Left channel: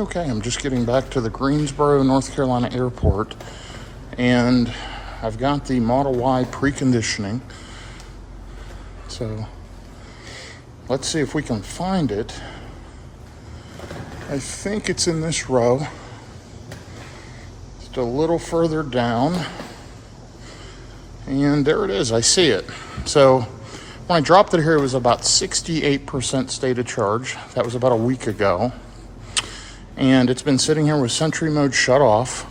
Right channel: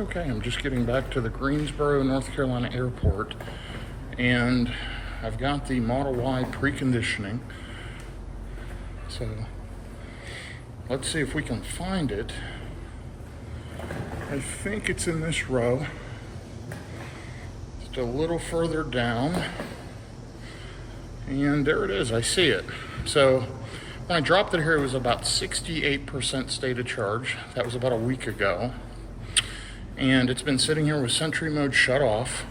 Okay, I'm just getting back to the Greensboro, North Carolina airport, and I've got the Model Y preconditioning. So let's see if we can find it. I think it's in this row, just a little further down, and there it is. I see it. So when I dropped it here, it was about 68% state of charge. That was about a week ago. And it's been sitting here with Sentry mode shut off.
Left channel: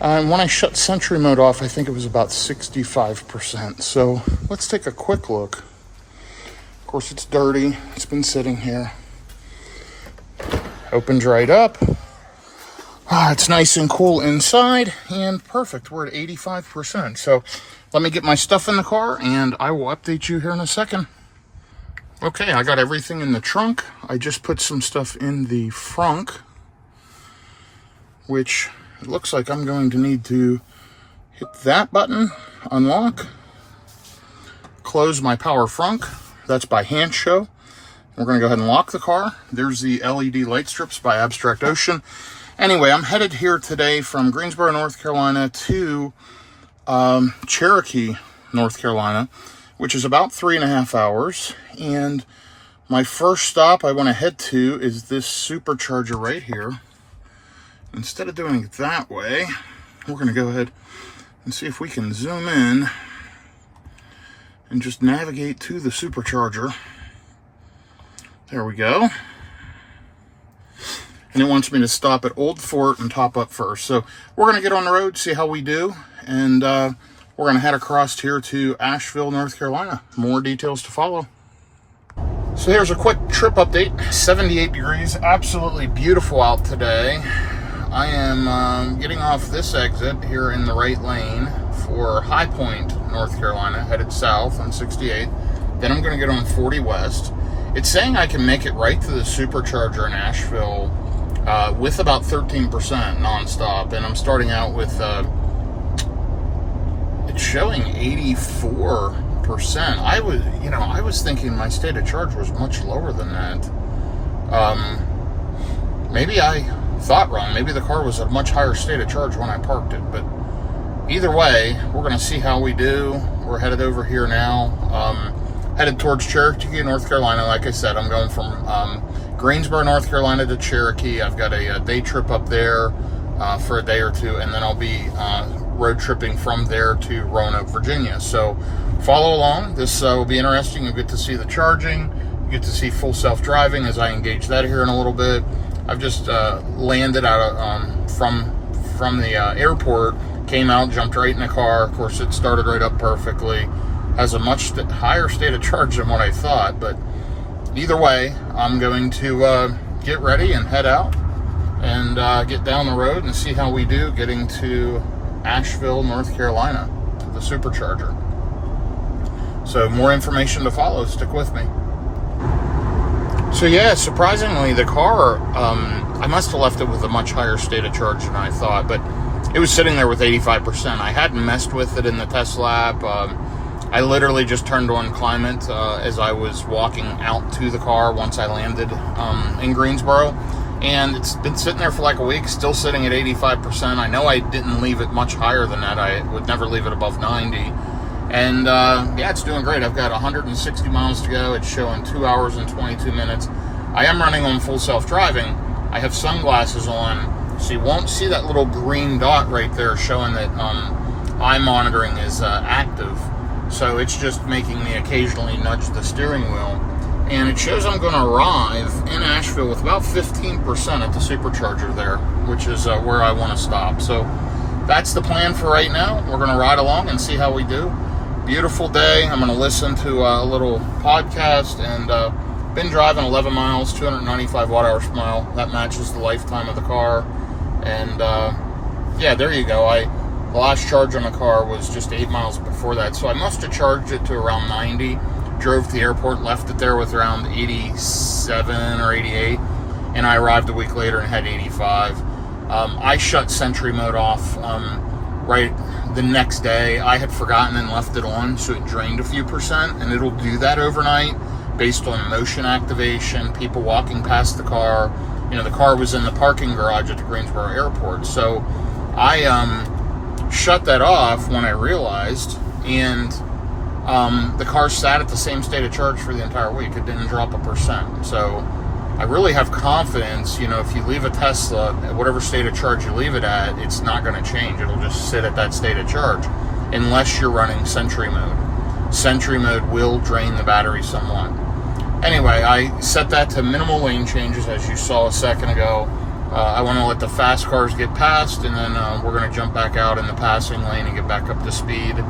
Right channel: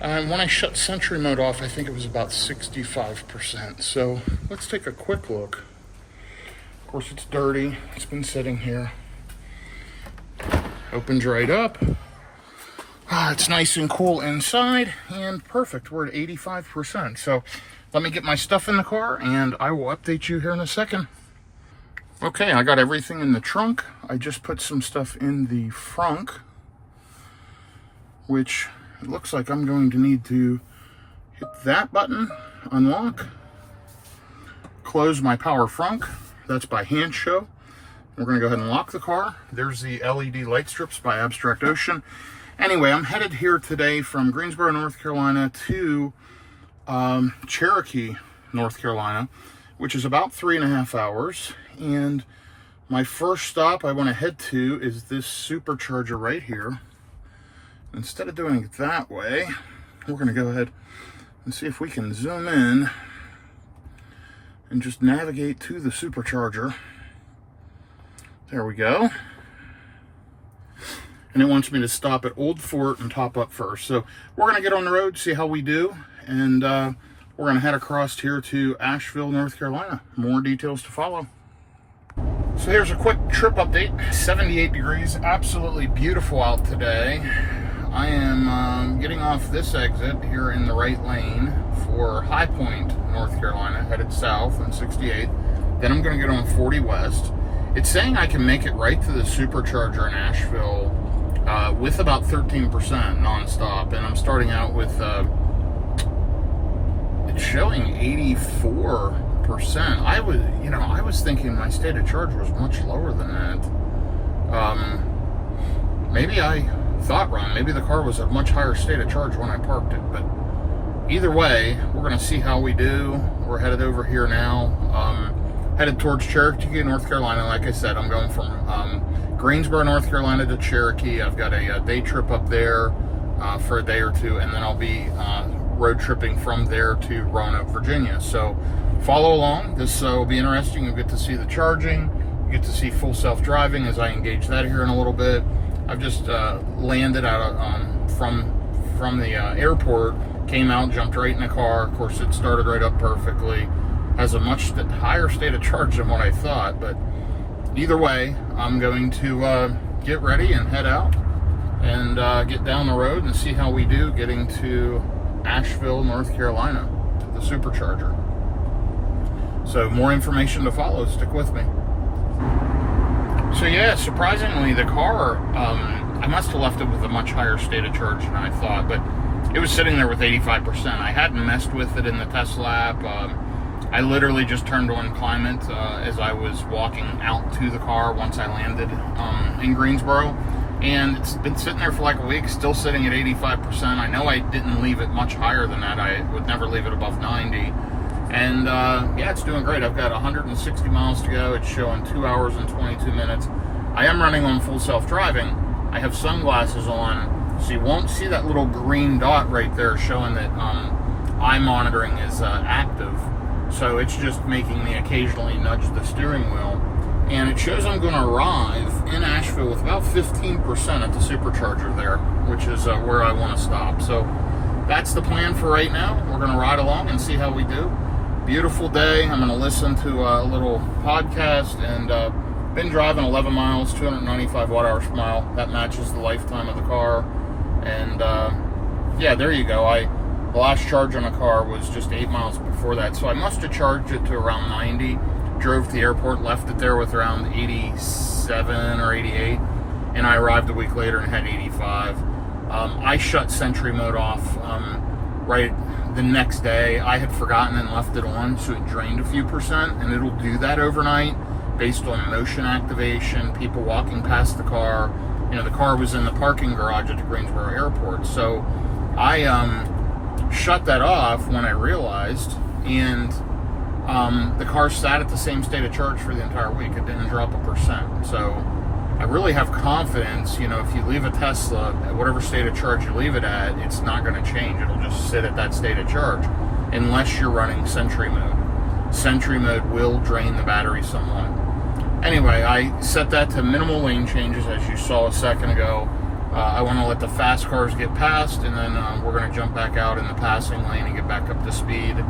And when I shut Sentry mode off, I think it was about 65%. So let's take a quick look. Of course, it's dirty. It's been sitting here. Opens right up. It's nice and cool inside, and perfect. We're at 85%. So let me get my stuff in the car, and I will update you here in a second. Okay, I got everything in the trunk. I just put some stuff in the frunk, which it looks like I'm going to need to hit that button, unlock, close my power frunk. That's by hand show. We're going to go ahead and lock the car. There's the LED light strips by Abstract Ocean. Anyway, I'm headed here today from Greensboro, North Carolina to Cherokee, North Carolina, which is about 3.5 hours. And my first stop I want to head to is this supercharger right here. Instead of doing it that way, we're going to go ahead and see if we can zoom in and just navigate to the supercharger. There we go. And it wants me to stop at Old Fort and top up first. So we're going to get on the road, see how we do, and we're going to head across here to Asheville, North Carolina. More details to follow. So here's a quick trip update. 78 degrees, absolutely beautiful out today. I am getting off this exit here in the right lane for High Point, North Carolina, headed south on 68. Then I'm going to get on 40 West. It's saying I can make it right to the supercharger in Asheville with about 13% nonstop, and I'm starting out with it's showing 84%. I was thinking my state of charge was much lower than that. Maybe I thought wrong. Maybe the car was at a much higher state of charge when I parked it, but either way, we're going to see how we do. We're headed over here now, headed towards Cherokee, North Carolina. Like I said, I'm going from Greensboro, North Carolina to Cherokee. I've got a day trip up there for a day or two, and then I'll be road tripping from there to Roanoke, Virginia. So follow along. This will be interesting. You'll get to see the charging. You get to see full self-driving as I engage that here in a little bit. I've just landed out of, from the airport, came out, jumped right in the car. Of course, it started right up perfectly. Has a much higher state of charge than what I thought, but either way, I'm going to get ready and head out and get down the road and see how we do getting to Asheville, North Carolina, the supercharger. So more information to follow. Stick with me. So yeah, surprisingly, the car, I must have left it with a much higher state of charge than I thought, but it was sitting there with 85%. I hadn't messed with it in the test lap. I literally just turned on climate as I was walking out to the car once I landed in Greensboro. And it's been sitting there for like a week, still sitting at 85%. I know I didn't leave it much higher than that. I would never leave it above 90. And yeah, it's doing great. I've got 160 miles to go. It's showing 2 hours and 22 minutes. I am running on full self-driving. I have sunglasses on, so you won't see that little green dot right there showing that eye monitoring is active. So it's just making me occasionally nudge the steering wheel. And it shows I'm going to arrive in Asheville with about 15% at the supercharger there, which is where I want to stop. So that's the plan for right now. We're going to ride along and see how we do. Beautiful day. I'm going to listen to a little podcast, and been driving 11 miles, 295 watt-hours per mile. That matches the lifetime of the car. And yeah, there you go. The last charge on the car was just 8 miles before that, so I must have charged it to around 90. Drove to the airport, left it there with around 87 or 88, and I arrived a week later and had 85. I shut Sentry mode off right the next day. I had forgotten and left it on, so it drained a few percent, and it'll do that overnight based on motion activation, people walking past the car, the car was in the parking garage at the Greensboro airport. So I shut that off when I realized, and the car sat at the same state of charge for the entire week. It didn't drop 1%. So I really have confidence, if you leave a Tesla at whatever state of charge you leave it at, it's not going to change. It'll just sit at that state of charge unless you're running Sentry mode. Sentry mode will drain the battery somewhat. Anyway, I set that to minimal lane changes, as you saw a second ago. I want to let the fast cars get past, and then we're going to jump back out in the passing lane and get back up to speed,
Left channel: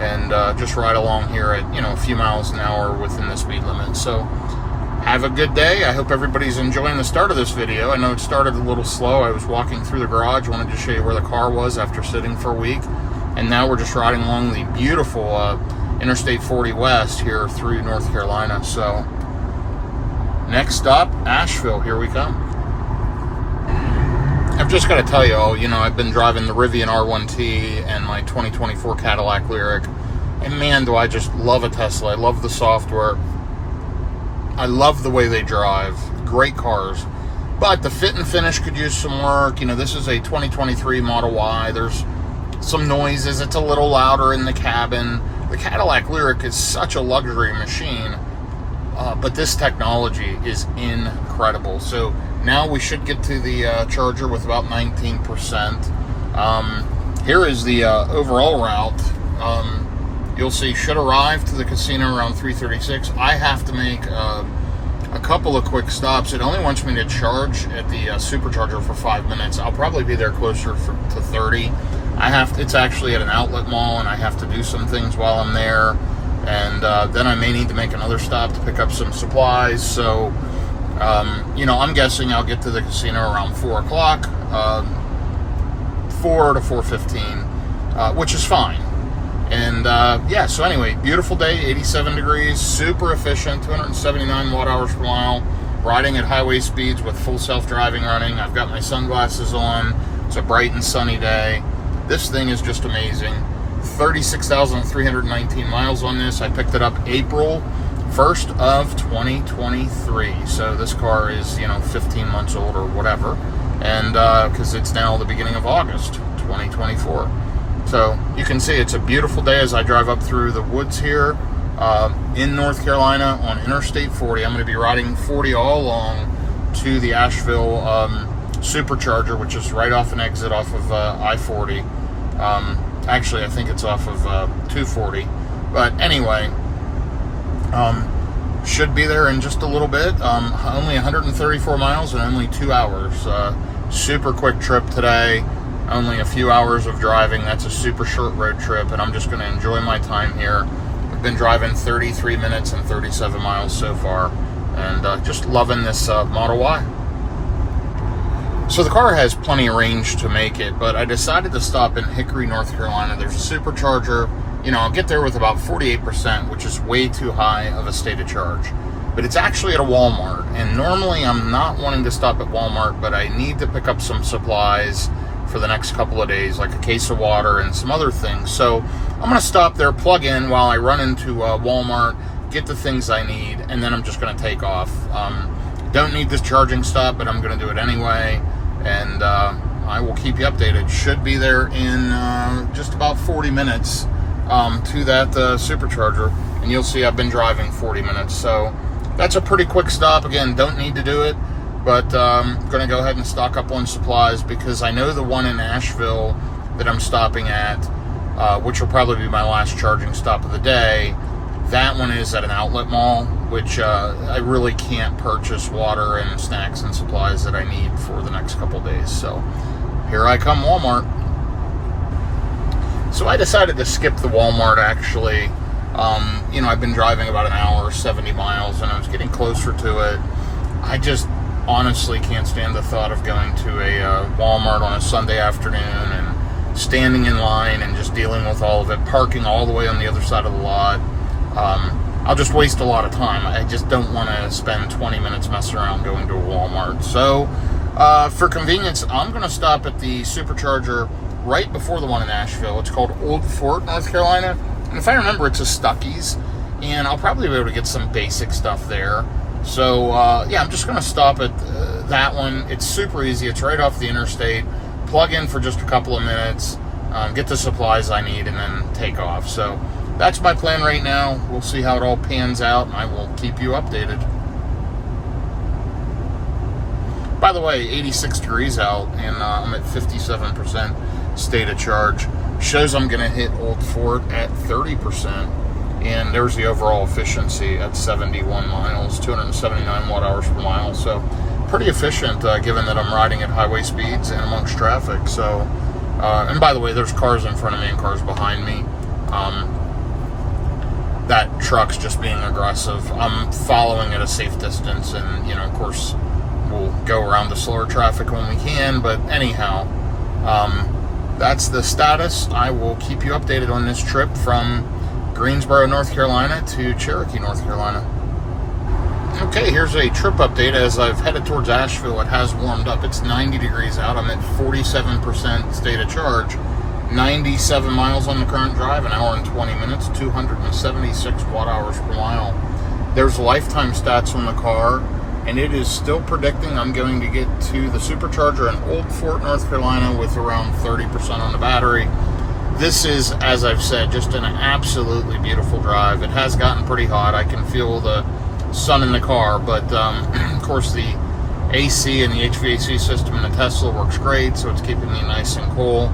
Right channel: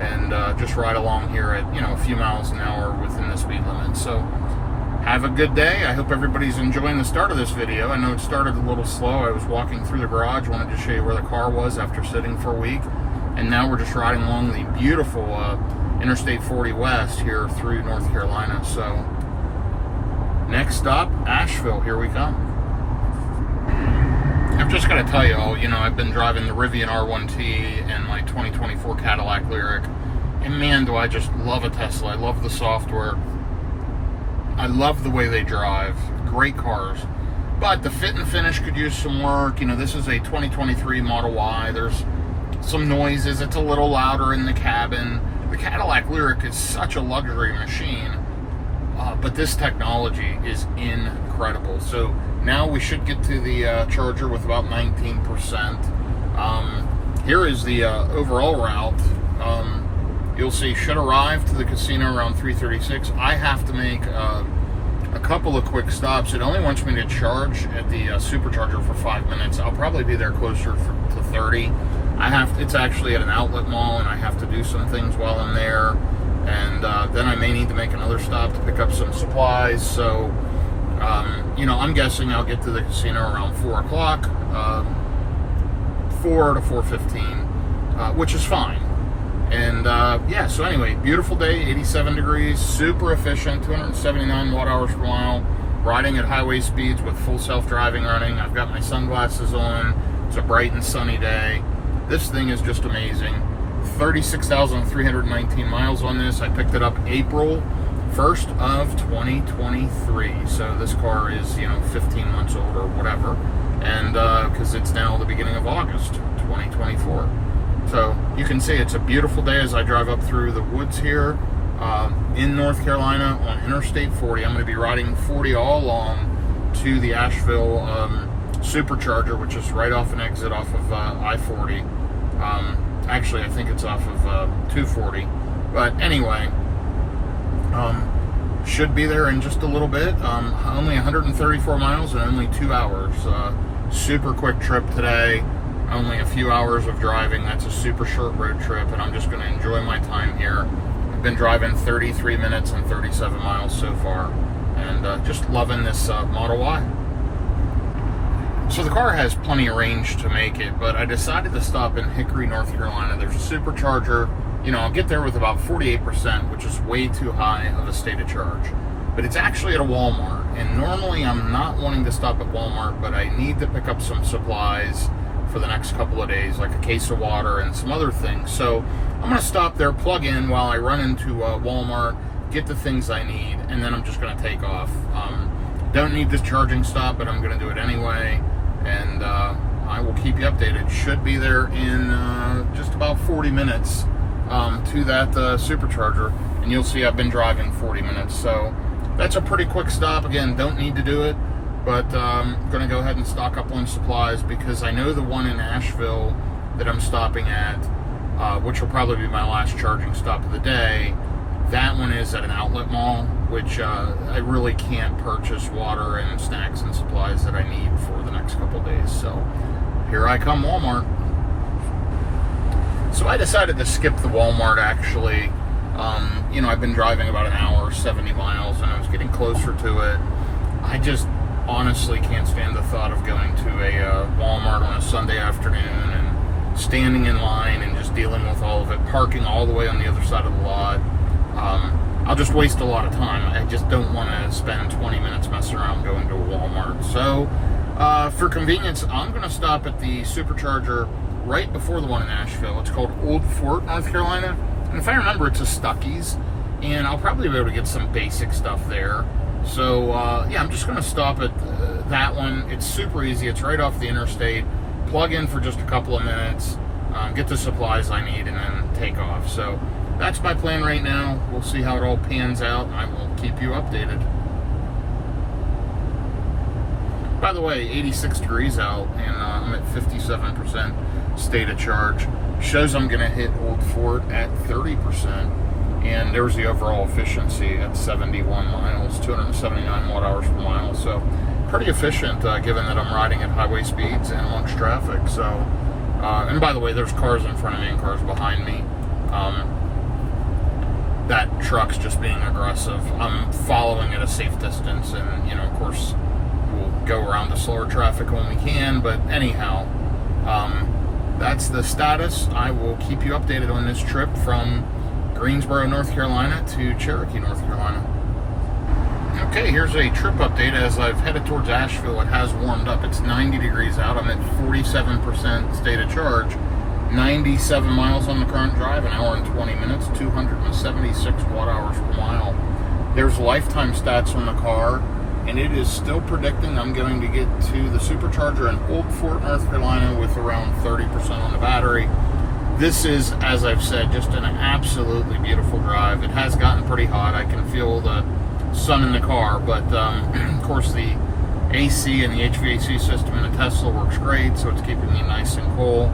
and just ride along here at a few miles an hour within the speed limit. So have a good day. I hope everybody's enjoying the start of this video. I know it started a little slow. I was walking through the garage, wanted to show you where the car was after sitting for a week, and now we're just riding along the beautiful Interstate 40 West here through North Carolina. So next stop, Asheville. Here we come. I've just got to tell you all, I've been driving the Rivian R1T and my 2024 Cadillac Lyriq, and man, do I just love a Tesla. I love the software. I love the way they drive. Great cars. But the fit and finish could use some work. This is a 2023 Model Y. There's some noises. It's a little louder in the cabin. The Cadillac Lyriq is such a luxury machine, but this technology is incredible. So now we should get to the charger with about 19%. Here is the overall route. You'll see, should arrive to the casino around 3:36. I have to make a couple of quick stops. It only wants me to charge at the supercharger for 5 minutes. I'll probably be there closer to 30. It's actually at an outlet mall, and I have to do some things while I'm there. And then I may need to make another stop to pick up some supplies. So I'm guessing I'll get to the casino around 4 o'clock, 4 to 4:15, which is fine. And so anyway, beautiful day, 87 degrees, super efficient, 279 watt-hours per mile, riding at highway speeds with full self-driving running. I've got my sunglasses on. It's a bright and sunny day. This thing is just amazing. 36,319 miles on this. I picked it up April 1st of 2023. So this car is, 15 months old or whatever. And because it's now the beginning of August 2024. So you can see it's a beautiful day as I drive up through the woods here in North Carolina on Interstate 40. I'm going to be riding 40 all along to the Asheville supercharger, which is right off an exit off of I-40. Actually, I think it's off of 240. But anyway, should be there in just a little bit. Only 134 miles and only 2 hours. Super quick trip today. Only a few hours of driving. That's a super short road trip, and I'm just going to enjoy my time here. I've been driving 33 minutes and 37 miles so far, and just loving this Model Y. So the car has plenty of range to make it, but I decided to stop in Hickory, North Carolina. There's a supercharger. I'll get there with about 48%, which is way too high of a state of charge. But it's actually at a Walmart, and normally I'm not wanting to stop at Walmart, but I need to pick up some supplies for the next couple of days, like a case of water and some other things. So I'm going to stop there, plug in while I run into Walmart, get the things I need, and then I'm just going to take off. Don't need this charging stop, but I'm going to do it anyway, and I will keep you updated. Should be there in just about 40 minutes to that supercharger, and you'll see I've been driving 40 minutes. So that's a pretty quick stop. Again, don't need to do it. But I'm going to go ahead and stock up on supplies, because I know the one in Asheville that I'm stopping at, which will probably be my last charging stop of the day, that one is at an outlet mall, which I really can't purchase water and snacks and supplies that I need for the next couple of days. So here I come, Walmart. So I decided to skip the Walmart, actually. I've been driving about an hour, 70 miles, and I was getting closer to it. I just honestly can't stand the thought of going to a Walmart on a Sunday afternoon and standing in line and just dealing with all of it, parking all the way on the other side of the lot. I'll just waste a lot of time. I just don't want to spend 20 minutes messing around going to a Walmart. So for convenience, I'm going to stop at the supercharger right before the one in Asheville. It's called Old Fort, North Carolina. And if I remember, it's a Stuckey's, and I'll probably be able to get some basic stuff there. So, I'm just going to stop at that one, it's super easy. It's right off the interstate. Plug in for just a couple of minutes, get the supplies I need, and then take off. So that's my plan right now. We'll see how it all pans out, and I will keep you updated. By the way, 86 degrees out, and I'm at 57% state of charge. Shows I'm going to hit Old Fort at 30%, and there's the overall efficiency at 71 miles, 279 watt hours per mile. So pretty efficient, given that I'm riding at highway speeds and amongst traffic. So, and by the way, there's cars in front of me and cars behind me. That truck's just being aggressive. I'm following at a safe distance, and of course, we'll go around the slower traffic when we can. But anyhow, that's the status. I will keep you updated on this trip from Greensboro, North Carolina to Cherokee, North Carolina. Okay, here's a trip update. As I've headed towards Asheville, it has warmed up. It's 90 degrees out. I'm at 47% state of charge. 97 miles on the current drive, an hour and 20 minutes, 276 watt hours per mile. There's lifetime stats on the car, and it is still predicting I'm going to get to the supercharger in Old Fort, North Carolina with around 30% on the battery. This is, as I've said, just an absolutely beautiful drive. It has gotten pretty hot. I can feel the sun in the car, but of course the AC and the HVAC system in the Tesla works great, so it's keeping me nice and cool.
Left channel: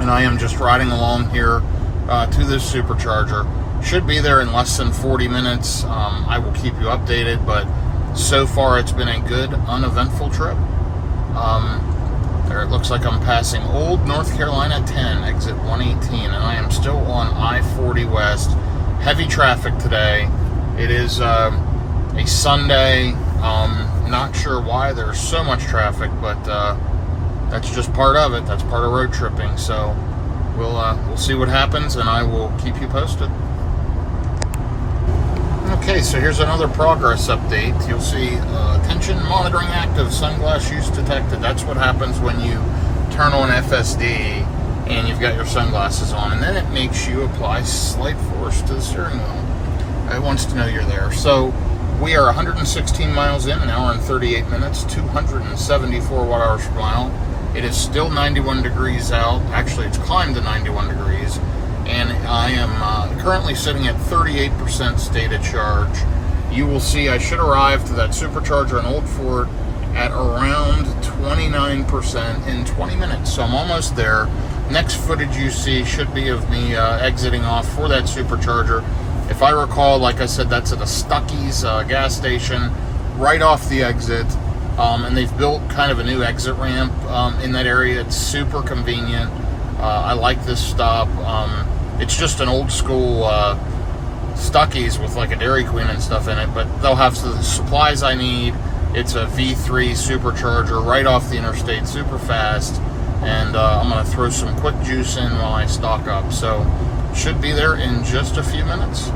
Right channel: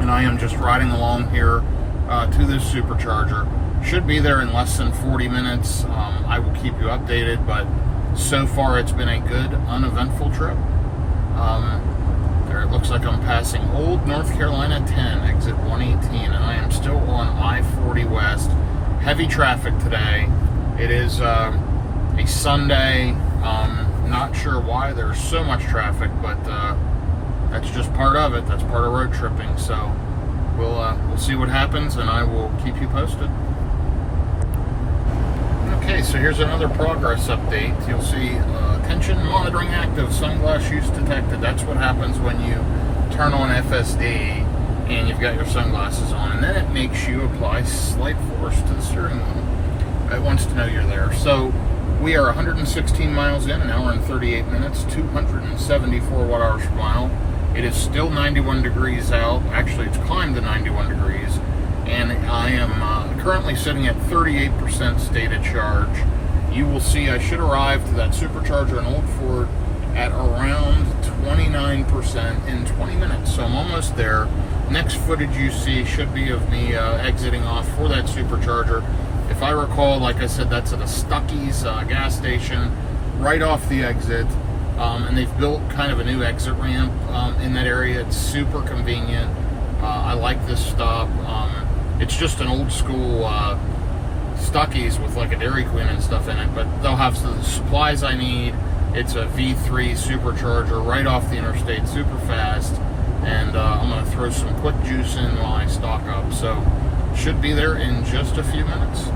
And I am just riding along here to this supercharger. Should be there in less than 40 minutes. I will keep you updated, but so far it's been a good, uneventful trip. There, it looks like I'm passing Old North Carolina 10, exit 118, and I am still on I-40 West. Heavy traffic today. It is a Sunday. Not sure why there's so much traffic, but that's just part of it. That's part of road tripping. So we'll see what happens, and I will keep you posted. Okay, so here's another progress update. You'll see attention monitoring active, sunglass use detected. That's what happens when you turn on FSD and you've got your sunglasses on, and then it makes you apply slight force to the steering wheel. It wants to know you're there. So we are 116 miles in, an hour and 38 minutes, 274 watt hours per mile. It is still 91 degrees out. Actually, it's climbed to 91 degrees. And I am currently sitting at 38% state of charge. You will see I should arrive to that supercharger in Old Fort at around 29% in 20 minutes. So I'm almost there. Next footage you see should be of me exiting off for that supercharger. If I recall, like I said, that's at a Stuckey's gas station right off the exit. And they've built kind of a new exit ramp in that area. It's super convenient. I like this stop. It's just an old school Stuckey's with like a Dairy Queen and stuff in it, but they'll have the supplies I need. It's a V3 supercharger right off the interstate, super fast. And I'm going to throw some quick juice in while I stock up. So should be there in just a few minutes.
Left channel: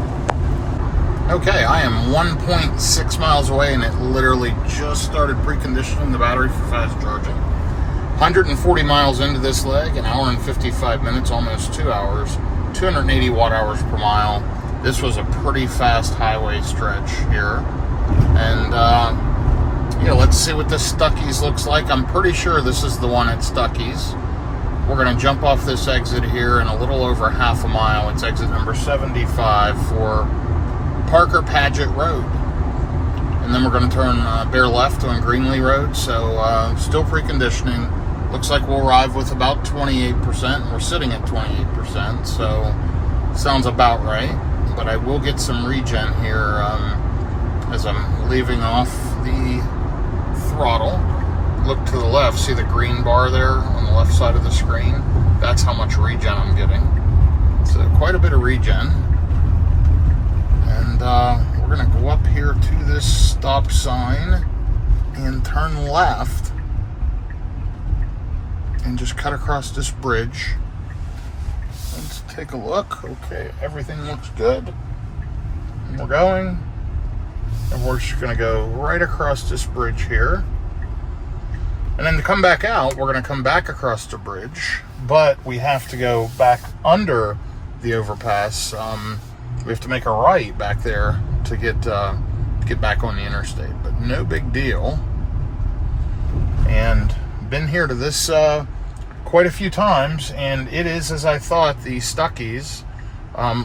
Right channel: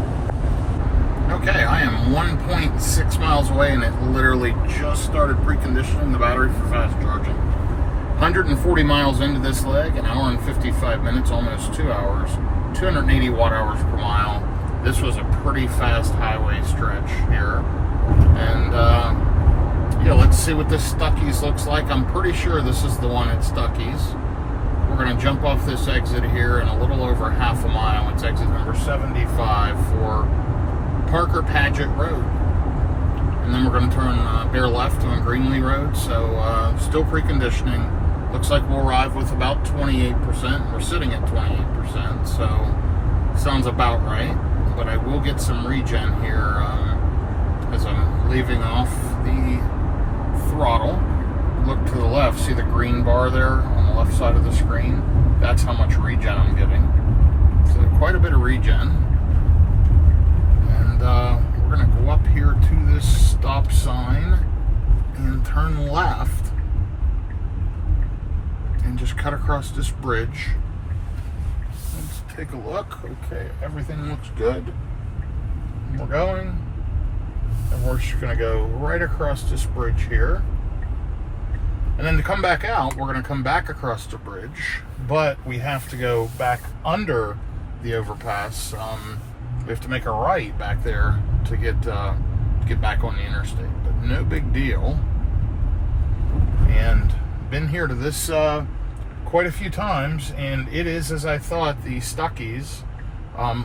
Okay, I am 1.6 miles away, and it literally just started preconditioning the battery for fast charging. 140 miles into this leg, an hour and 55 minutes, almost 2 hours, 280 watt hours per mile. This was a pretty fast highway stretch here. And yeah, let's see what this Stuckey's looks like. I'm pretty sure this is the one at Stuckey's. We're going to jump off this exit here in a little over half a mile. It's exit number 75 for Parker Paget Road. And then we're going to turn bear left on Greenlee Road. So still preconditioning. Looks like we'll arrive with about 28%. We're sitting at 28%, so sounds about right. But I will get some regen here as I'm leaving off the throttle. Look to the left, see the green bar there on the left side of the screen? That's how much regen I'm getting. So quite a bit of regen. And we're going to go up here to this stop sign and turn left and just cut across this bridge. Let's take a look. Okay, everything looks good. And we're going. And we're just going to go right across this bridge here. And then to come back out, we're going to come back across the bridge, but we have to go back under the overpass. We have to make a right back there to get back on the interstate, but no big deal. and been here to this quite a few times, and it is as I thought. The Stuckey's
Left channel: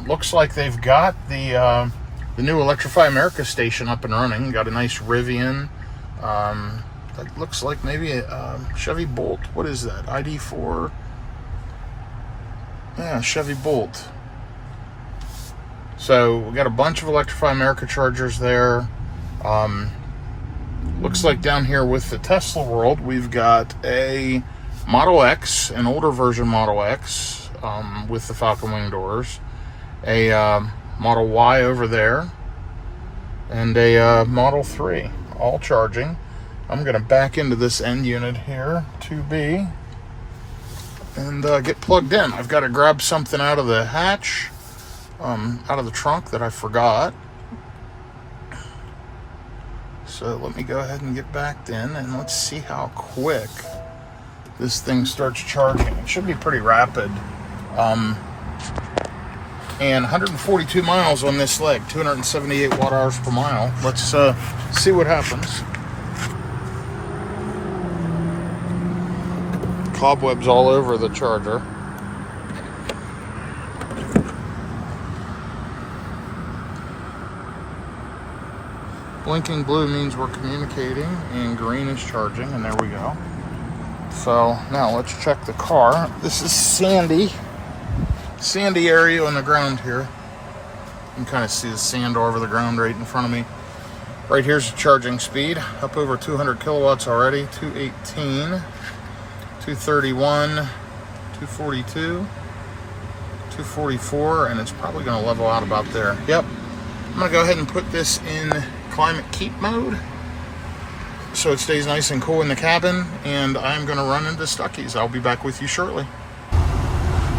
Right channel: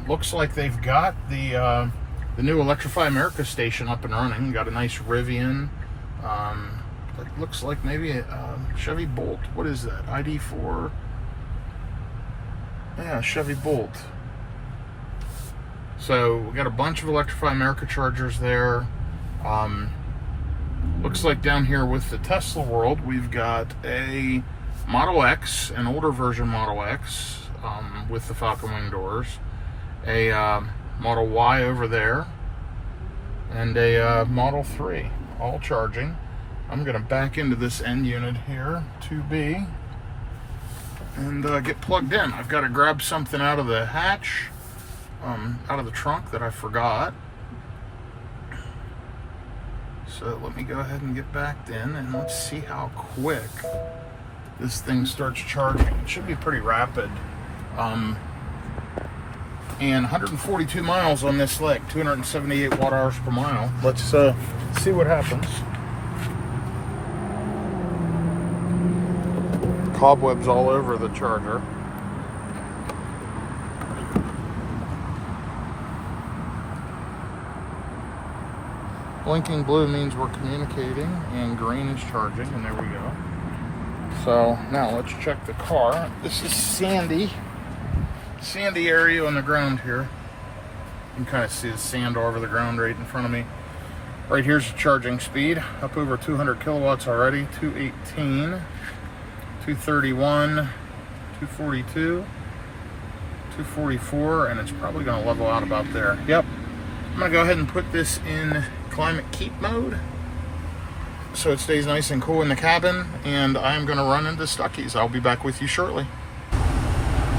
looks like they've got the new Electrify America station up and running. Got a nice Rivian. That looks like maybe a Chevy Bolt. What is that? ID4. Yeah, Chevy Bolt. So we got a bunch of Electrify America chargers there. Looks like down here with the Tesla world, we've got a Model X, an older version Model X with the Falcon Wing doors, a Model Y over there, and a Model 3, all charging. I'm going to back into this end unit here, 2B, and get plugged in. I've got to grab something out of the hatch, out of the trunk that I forgot. So let me go ahead and get backed in, and let's see how quick this thing starts charging. It should be pretty rapid. And 142 miles on this leg, 278 watt hours per mile. Let's see what happens. Cobwebs all over the charger. Blinking blue means we're communicating, and green is charging, and there we go. So now let's check the car. This is sandy area on the ground here. You can kind of see the sand all over the ground right in front of me. Right here's the charging speed, up over 200 kilowatts already. 218, 231, 242, 244, and it's probably going to level out about there. Yep. I'm going to go ahead and put this in climate keep mode so it stays nice and cool in the cabin, and I'm going to run into Stuckey's. I'll be back with you shortly.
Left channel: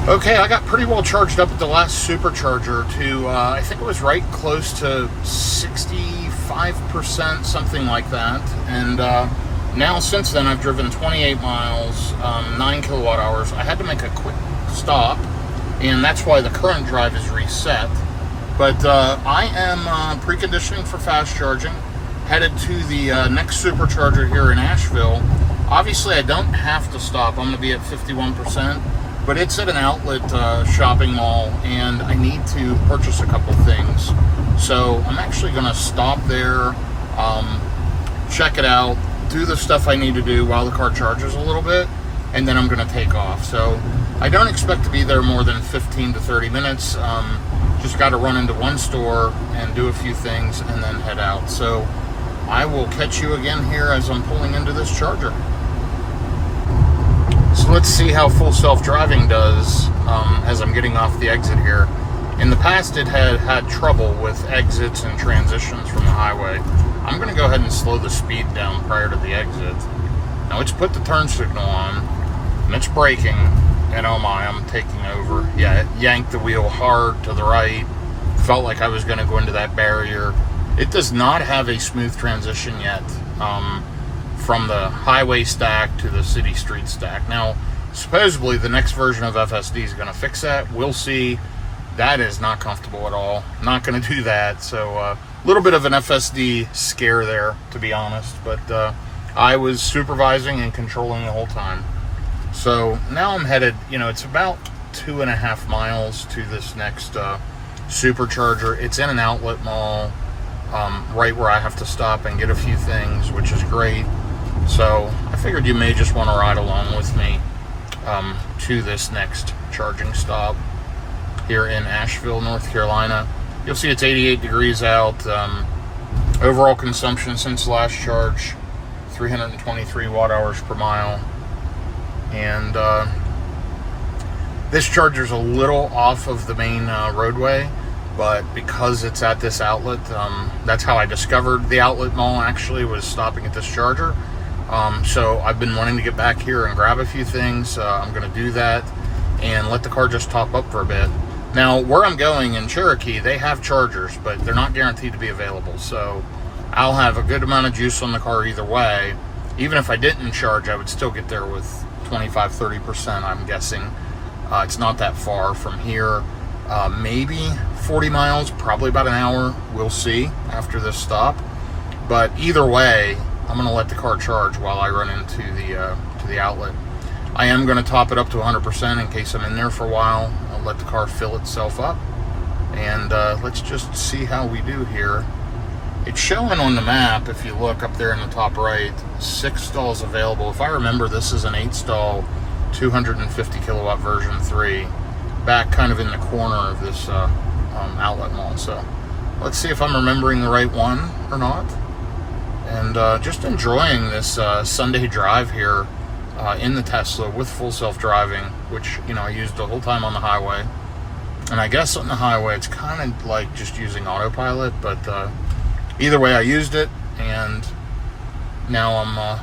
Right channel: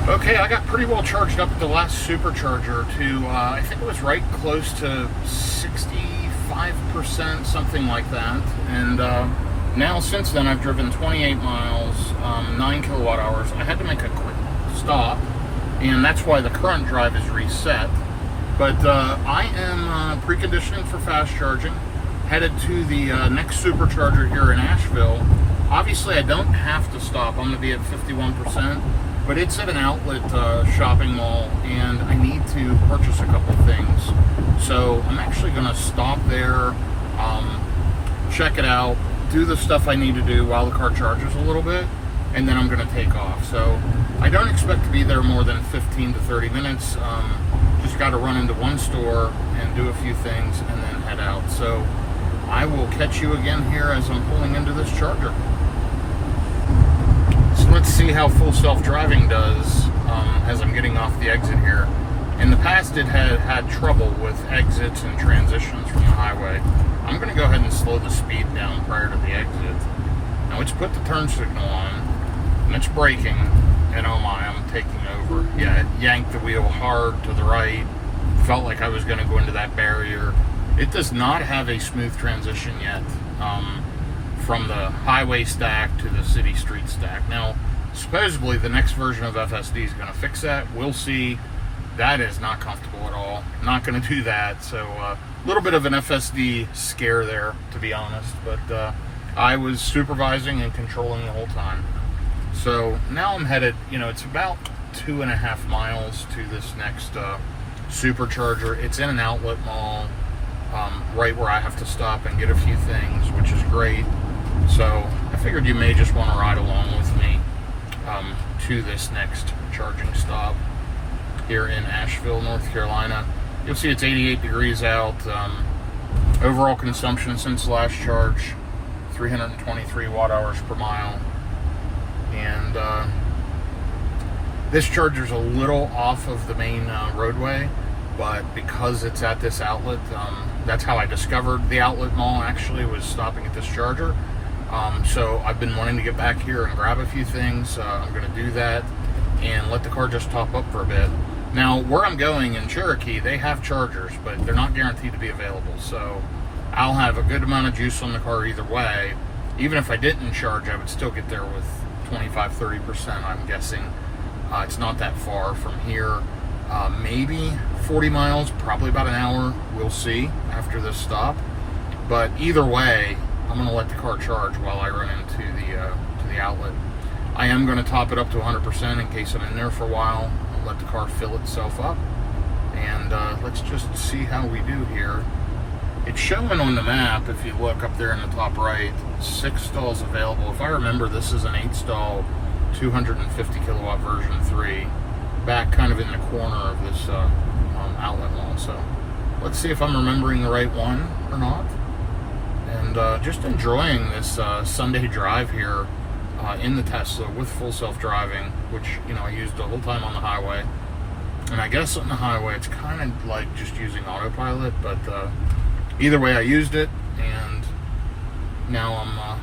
Okay, I got pretty well charged up at the last supercharger to, I think it was right close to 65%, something like that. And now since then I've driven 28 miles, 9 kilowatt hours. I had to make a quick stop, and that's why the current drive is reset. But I am preconditioning for fast charging, headed to the next supercharger here in Asheville. Obviously, I don't have to stop. I'm going to be at 51%, but it's at an outlet shopping mall, and I need to purchase a couple things. So I'm actually going to stop there, check it out, do the stuff I need to do while the car charges a little bit, and then I'm going to take off. So I don't expect to be there more than 15 to 30 minutes. Just got to run into one store and do a few things and then head out. So I will catch you again here as I'm pulling into this charger. So let's see how full self-driving does as I'm getting off the exit here. In the past, it had trouble with exits and transitions from the highway. I'm going to go ahead and slow the speed down prior to the exit. Now it's put the turn signal on, and it's braking, and oh my, I'm taking over. Yeah, it yanked the wheel hard to the right. Felt like I was going to go into that barrier. It does not have a smooth transition yet from the highway stack to the city street stack. Now, supposedly the next version of FSD is going to fix that. We'll see. That is not comfortable at all. Not going to do that. So a little bit of an FSD scare there, to be honest. But I was supervising and controlling the whole time. So now I'm headed, it's about 2.5 miles to this next supercharger. It's in an outlet mall, right where I have to stop and get a few things, which is great. So I figured you may just want to ride along with me to this next charging stop here in Asheville, North Carolina. You'll see it's 88 degrees out. Overall consumption since last charge, 323 watt hours per mile. And this charger's a little off of the main roadway, but because it's at this outlet, that's how I discovered the outlet mall actually, was stopping at this charger. So I've been wanting to get back here and grab a few things. I'm going to do that and let the car just top up for a bit. Now, where I'm going in Cherokee, they have chargers, but they're not guaranteed to be available. So I'll have a good amount of juice on the car either way. Even if I didn't charge, I would still get there with 25-30%, I'm guessing. It's not that far from here. Maybe 40 miles, probably about an hour. We'll see after this stop. But either way, I'm going to let the car charge while I run into the outlet. I am going to top it up to 100% in case I'm in there for a while. I'll let the car fill itself up, and let's just see how we do here. It's showing on the map, if you look up there in the top right, 6 stalls available. If I remember, this is an 8-stall 250 kilowatt version 3, back kind of in the corner of this outlet mall. So let's see if I'm remembering the right one or not. And just enjoying this Sunday drive here in the Tesla with full self-driving, which, you know, I used the whole time on the highway. And I guess on the highway it's kind of like just using autopilot, but either way I used it, and now I'm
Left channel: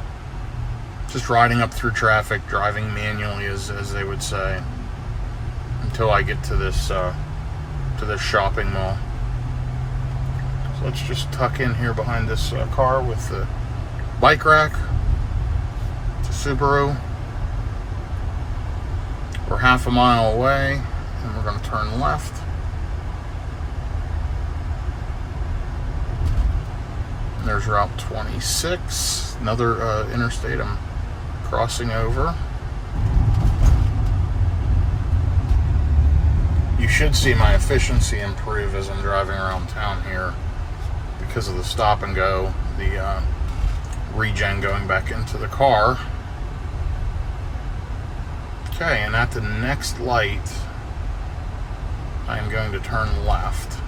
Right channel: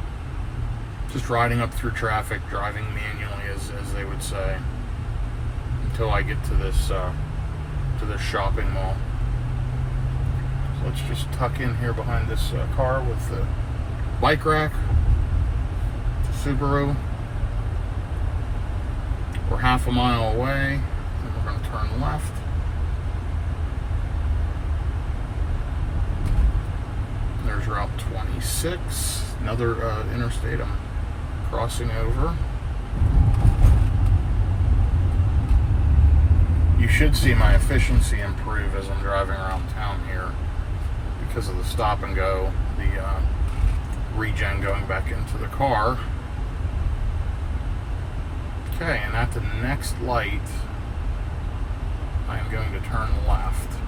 just riding up through traffic, driving manually, as they would say, until I get to this shopping mall. So let's just tuck in here behind this car with the bike rack. It's a Subaru. We're half a mile away, and we're going to turn left. There's Route 26, another interstate I'm crossing over. You should see my efficiency improve as I'm driving around town here because of the stop and go, the regen going back into the car. Okay, and at the next light, I'm going to turn left.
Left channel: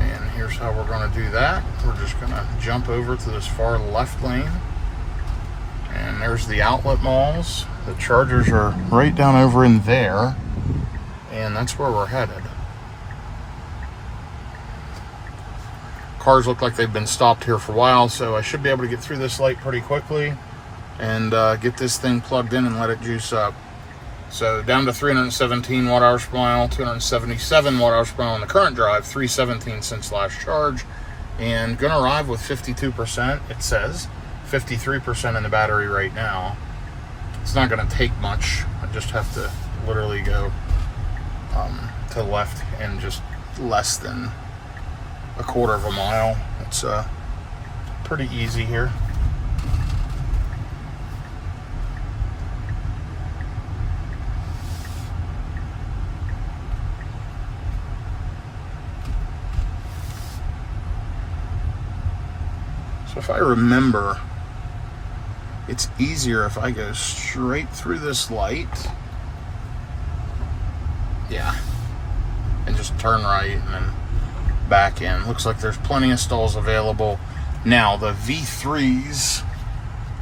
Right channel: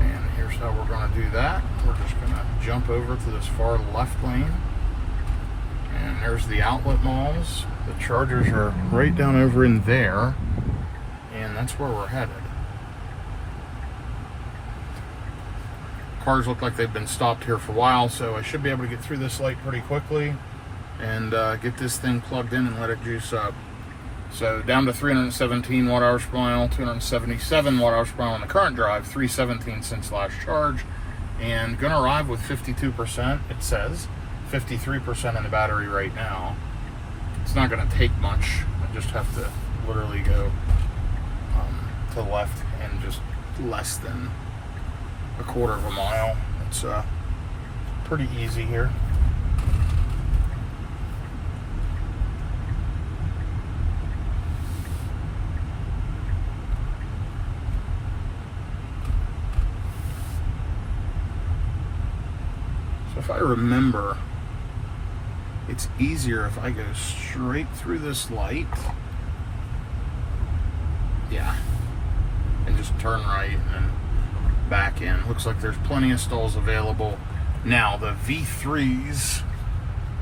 And here's how we're going to do that. We're just going to jump over to this far left lane. And there's the outlet malls. The chargers are right down over in there. And that's where we're headed. Cars look like they've been stopped here for a while, so I should be able to get through this light pretty quickly and get this thing plugged in and let it juice up. So down to 317 watt-hours per mile, 277 watt-hours per mile on the current drive, 317 since last charge, and gonna arrive with 52%, it says. 53% in the battery right now. It's not gonna take much. I just have to literally go to the left in just less than a quarter of a mile. It's pretty easy here. So if I remember, it's easier if I go straight through this light. Yeah. And just turn right and then back in. Looks like there's plenty of stalls available. Now, the V3s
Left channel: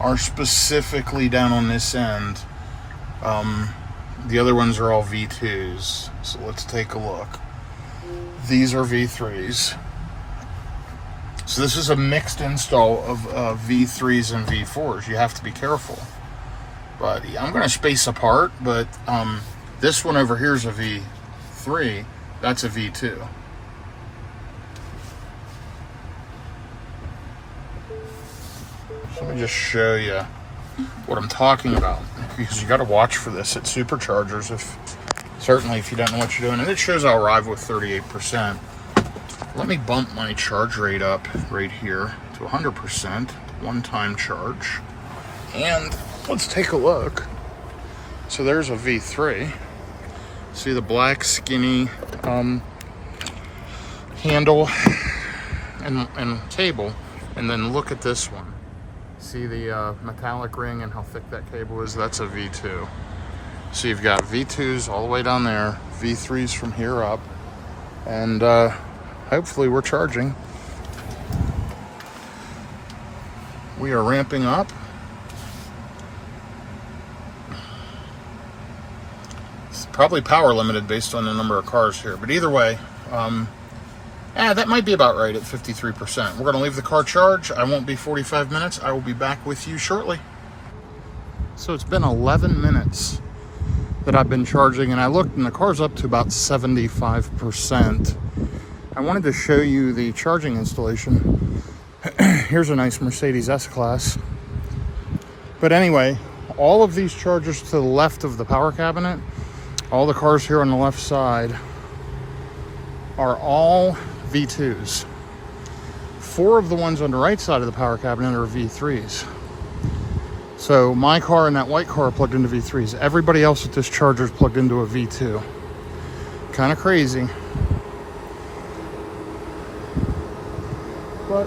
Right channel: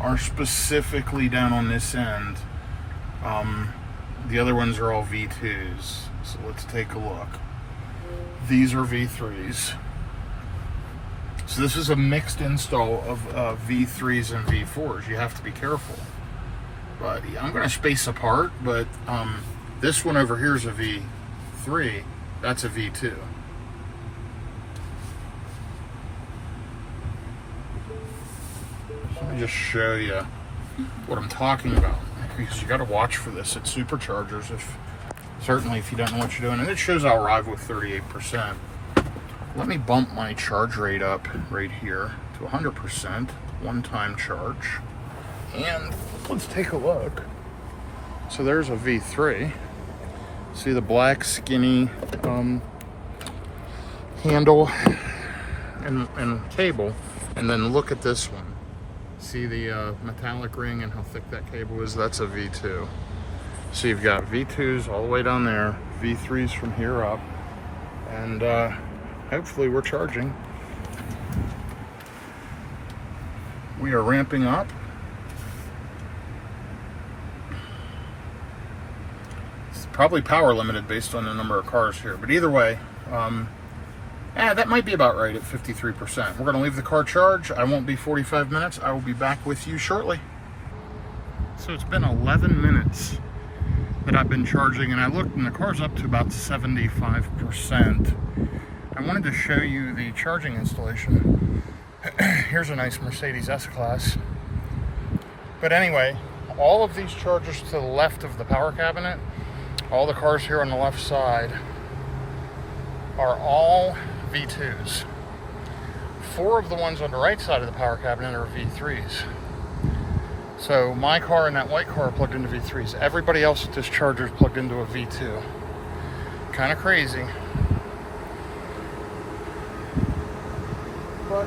are specifically down on this end. The other ones are all V2s. So let's take a look. These are V3s. So this is a mixed install of V3s and V4s. You have to be careful. But yeah, I'm going to space apart, but this one over here is a V3. That's a V2. So let me just show you what I'm talking about, because you got to watch for this at superchargers, certainly if you don't know what you're doing. And it shows I'll arrive with 38%. Let me bump my charge rate up right here to 100%, one-time charge. And let's take a look. So there's a V3. See the black skinny handle and cable. And then look at this one. See the metallic ring and how thick that cable is? That's a V2. So you've got V2s all the way down there, V3s from here up, and hopefully we're charging. We are ramping up. It's probably power limited based on the number of cars here, but either way, that might be about right at 53%. We're gonna leave the car charge. I won't be 45 minutes. I will be back with you shortly. So it's been 11 minutes that I've been charging, and I looked and the car's up to about 75%. I wanted to show you the charging installation. Here's a nice Mercedes S-Class. But anyway, all of these chargers to the left of the power cabinet, all the cars here on the left side, are all V2s. 4 of the ones on the right side of the power cabinet are V3s. So my car and that white car are plugged into V3s. Everybody else at this charger is plugged into a V2. Kind of crazy. But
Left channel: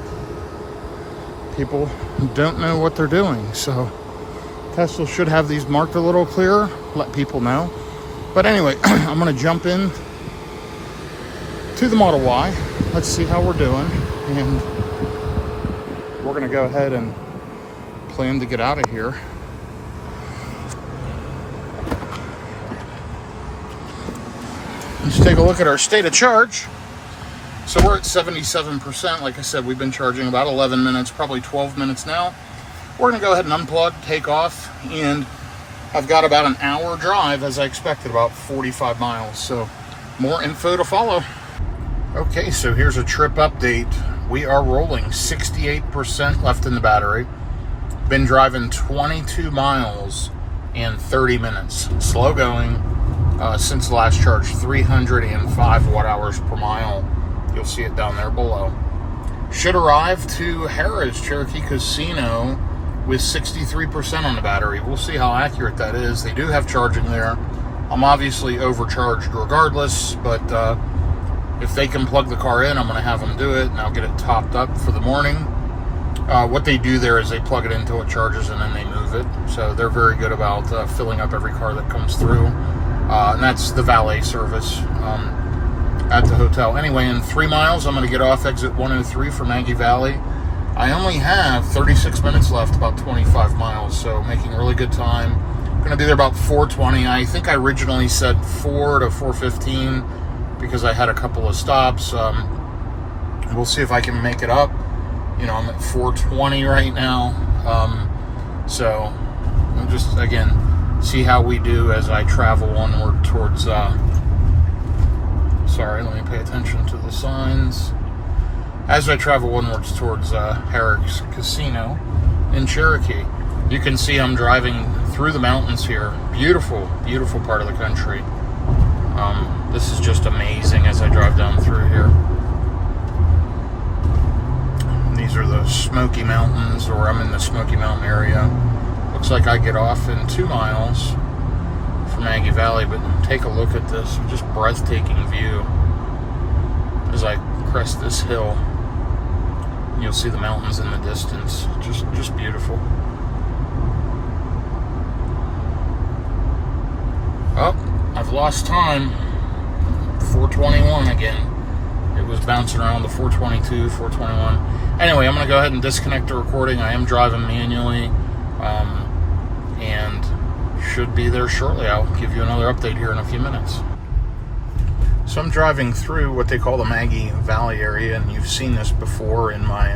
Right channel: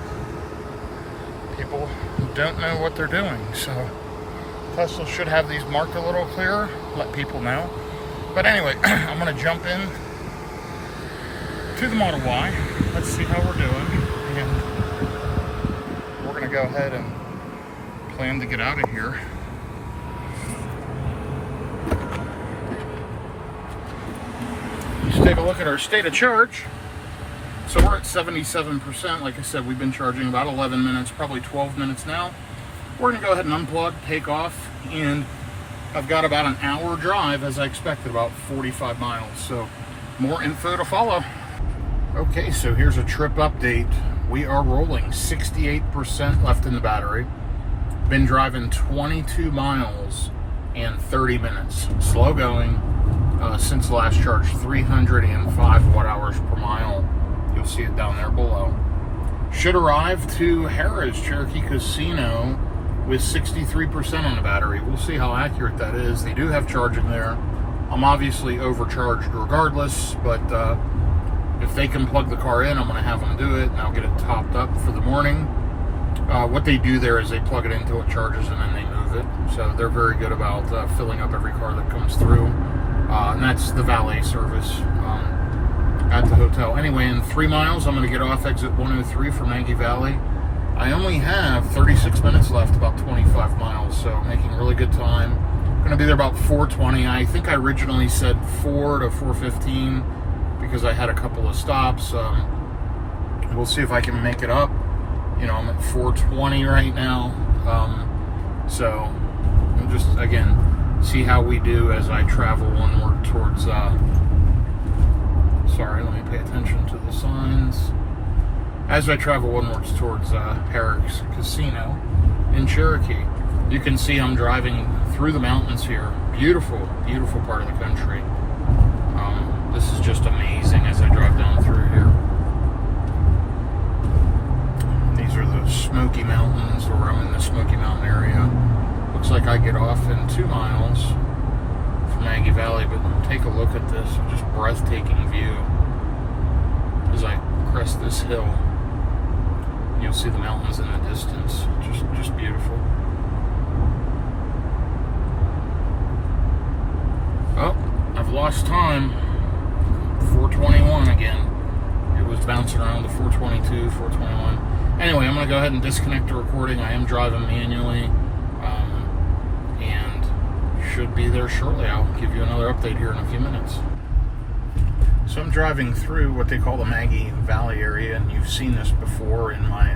people don't know what they're doing. So Tesla should have these marked a little clearer, let people know. But anyway, I'm going to jump in to the Model Y. Let's see how we're doing. And we're going to go ahead and plan to get out of here. Let's take a look at our state of charge. So we're at 77%. Like I said, we've been charging about 11 minutes, probably 12 minutes now. We're going to go ahead and unplug, take off, and I've got about an hour drive as I expected, about 45 miles. So more info to follow. Okay, so here's a trip update. We are rolling 68% left in the battery. Been driving 22 miles and 30 minutes. Slow going since the last charge, 305 watt hours per mile. You'll see it down there below. Should arrive to Harrah's Cherokee Casino with 63% on the battery. We'll see how accurate that is. They do have charging there. I'm obviously overcharged regardless, but if they can plug the car in, I'm going to have them do it, and I'll get it topped up for the morning. What they do there is they plug it until it charges, and then they move it. So they're very good about filling up every car that comes through. And that's the valet service at the hotel. Anyway, in 3 miles, I'm going to get off exit 103 for Maggie Valley. I only have 36 minutes left, about 25 miles, so making really good time. Going to be there about 4:20. I think I originally said 4 to 4:15 because I had a couple of stops. We'll see if I can make it up. You know, I'm at 4:20 right now. So I'll just, again, see how we do as I travel onward towards, sorry, let me pay attention to the signs. As I travel onwards towards Harrah's Casino in Cherokee, you can see I'm driving through the mountains here. Beautiful, beautiful part of the country. This is just amazing as I drive down through here. These are the Smoky Mountains, or I'm in the Smoky Mountain area. Looks like I get off in 2 miles from Maggie Valley, but take a look at this. Just breathtaking view as I crest this hill. You'll see the mountains in the distance. Just beautiful. Oh, I've lost time. 4:21 again. It was bouncing around to 4:22, 4:21. Anyway, I'm going to go ahead and disconnect the recording. I am driving manually, and should be there shortly. I'll give you another update here in a few minutes. So I'm driving through what they call the Maggie Valley area, and you've seen this before in my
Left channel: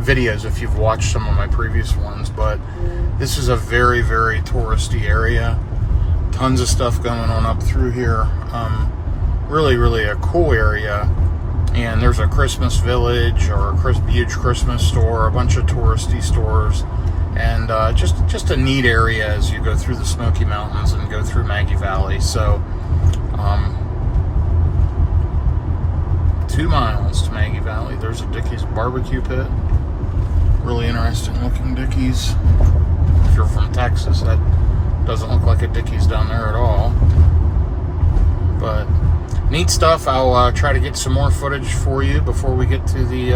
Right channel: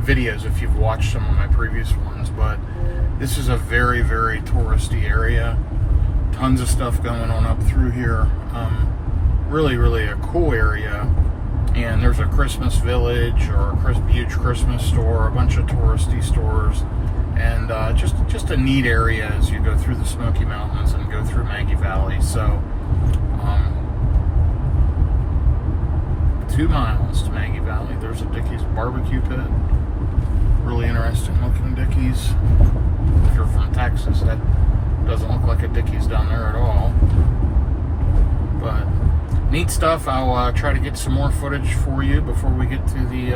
videos if you've watched some of my previous ones, but this is a very, very touristy area. Tons of stuff going on up through here. Really, really a cool area. And there's a Christmas village or a huge Christmas store, a bunch of touristy stores, and just a neat area as you go through the Smoky Mountains and go through Maggie Valley. So 2 miles to Maggie Valley. There's a Dickey's barbecue pit. Really interesting looking Dickey's. If you're from Texas, that doesn't look like a Dickey's down there at all. But neat stuff. I'll try to get some more footage for you before we get to the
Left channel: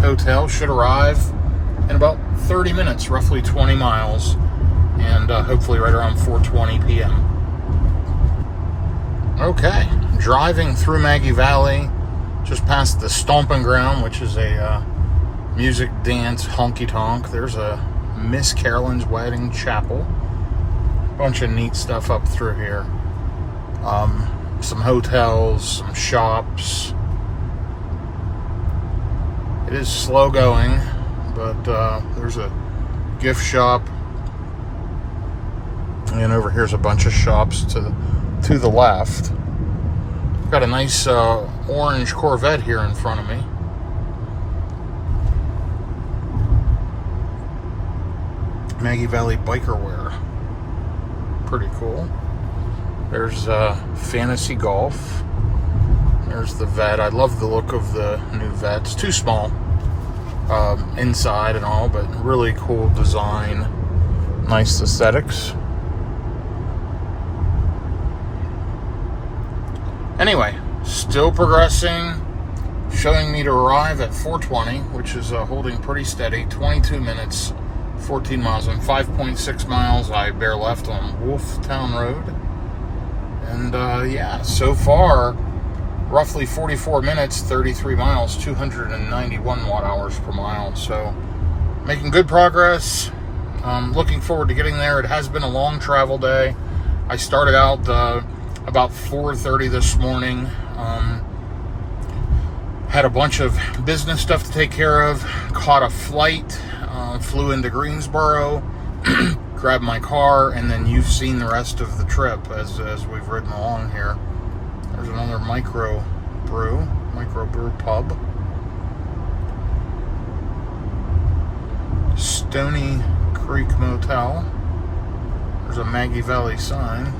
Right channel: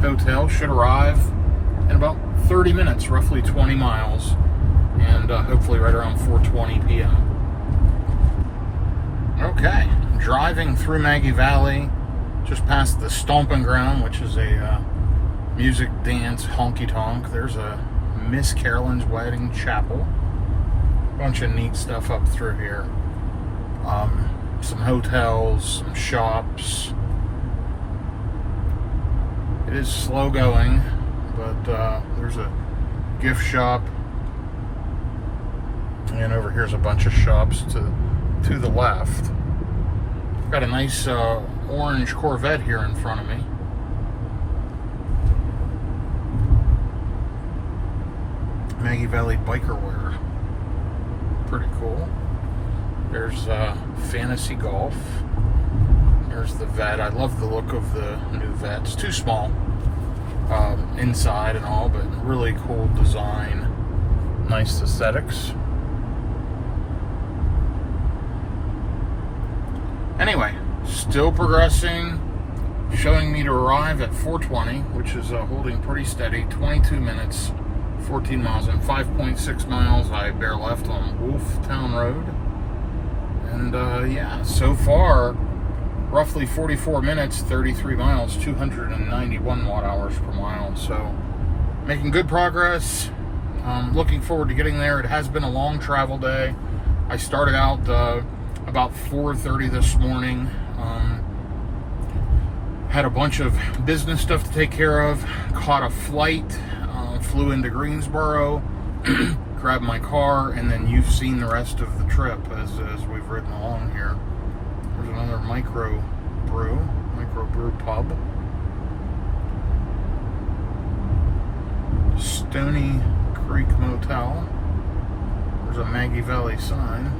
hotel. Should arrive in about 30 minutes, roughly 20 miles, and hopefully right around 4:20 p.m. Okay, driving through Maggie Valley, just past the Stomping Ground, which is a music, dance, honky-tonk. There's a Miss Carolyn's Wedding Chapel. Bunch of neat stuff up through here. Some hotels, some shops. It is slow going, but there's a gift shop, and over here's a bunch of shops to the left. Got a nice orange Corvette here in front of me. Maggie Valley biker wear. Pretty cool. There's fantasy golf. There's the vet. I love the look of the new vet. It's too small inside and all, but really cool design. Nice aesthetics. Anyway, still progressing. Showing me to arrive at 4:20, which is holding pretty steady. 22 minutes, 14 miles, and 5.6 miles I bear left on Wolftown Road. And yeah, so far, roughly 44 minutes, 33 miles, 291 watt hours per mile. So making good progress. Looking forward to getting there. It has been a long travel day. I started out about 4:30 this morning. Had a bunch of business stuff to take care of. Caught a flight, flew into Greensboro, grabbed my car, and then you've seen the rest of the trip as we've ridden along here. There's another microbrew pub. Stony Creek Motel. There's a Maggie Valley sign.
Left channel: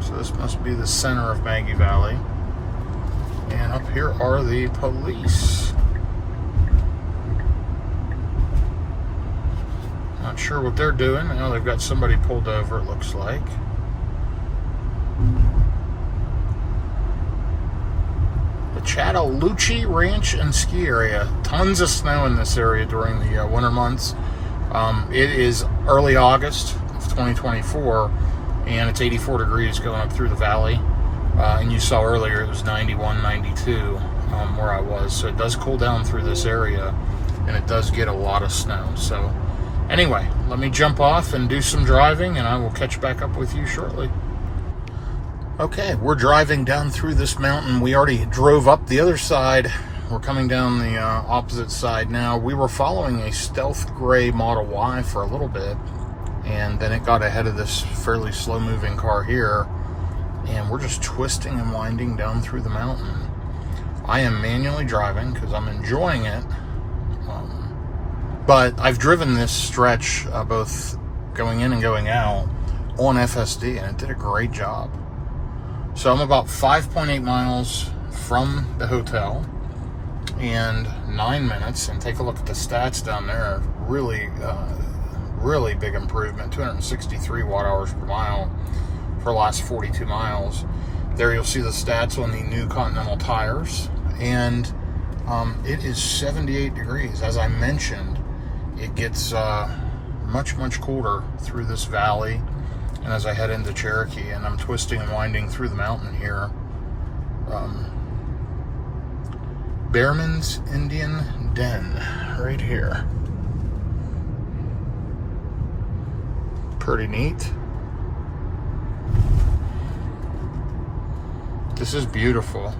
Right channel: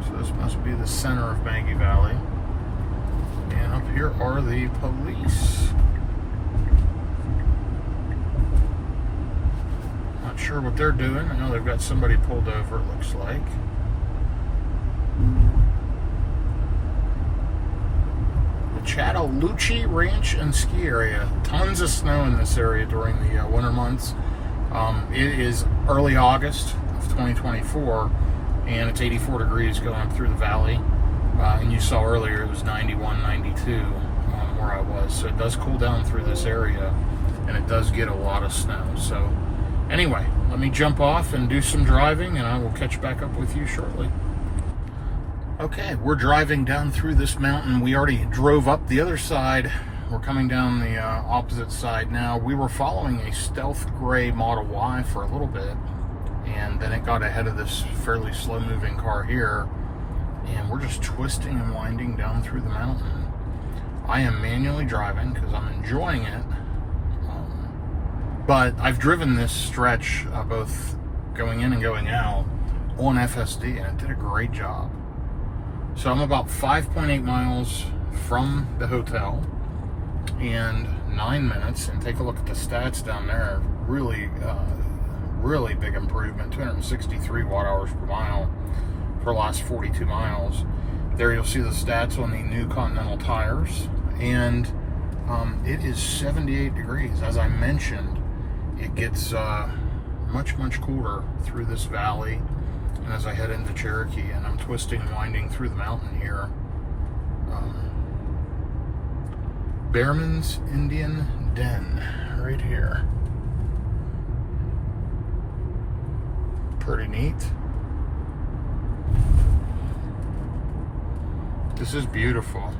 So this must be the center of Maggie Valley. And up here are the police. Not sure what they're doing. I know they've got somebody pulled over, it looks like. The Chattahoochee Ranch and Ski Area. Tons of snow in this area during the winter months. It is early August of 2024, and it's 84 degrees going up through the valley. And you saw earlier it was 91, 92 where I was. So it does cool down through this area, and it does get a lot of snow. So anyway, let me jump off and do some driving, and I will catch back up with you shortly. Okay, we're driving down through this mountain. We already drove up the other side. We're coming down the opposite side now. We were following a stealth gray Model Y for a little bit, and then it got ahead of this fairly slow-moving car here. And we're just twisting and winding down through the mountain. I am manually driving because I'm enjoying it. But I've driven this stretch, both going in and going out, on FSD, and it did a great job. So I'm about 5.8 miles from the hotel and 9 minutes. And take a look at the stats down there. Really, really big improvement. 263 watt hours per mile for the last 42 miles. There you'll see the stats on the new Continental tires, and it is 78 degrees. As I mentioned, it gets much colder through this valley, and as I head into Cherokee, and I'm twisting and winding through the mountain here. Behrman's Indian Den, right here. Pretty neat. This is beautiful.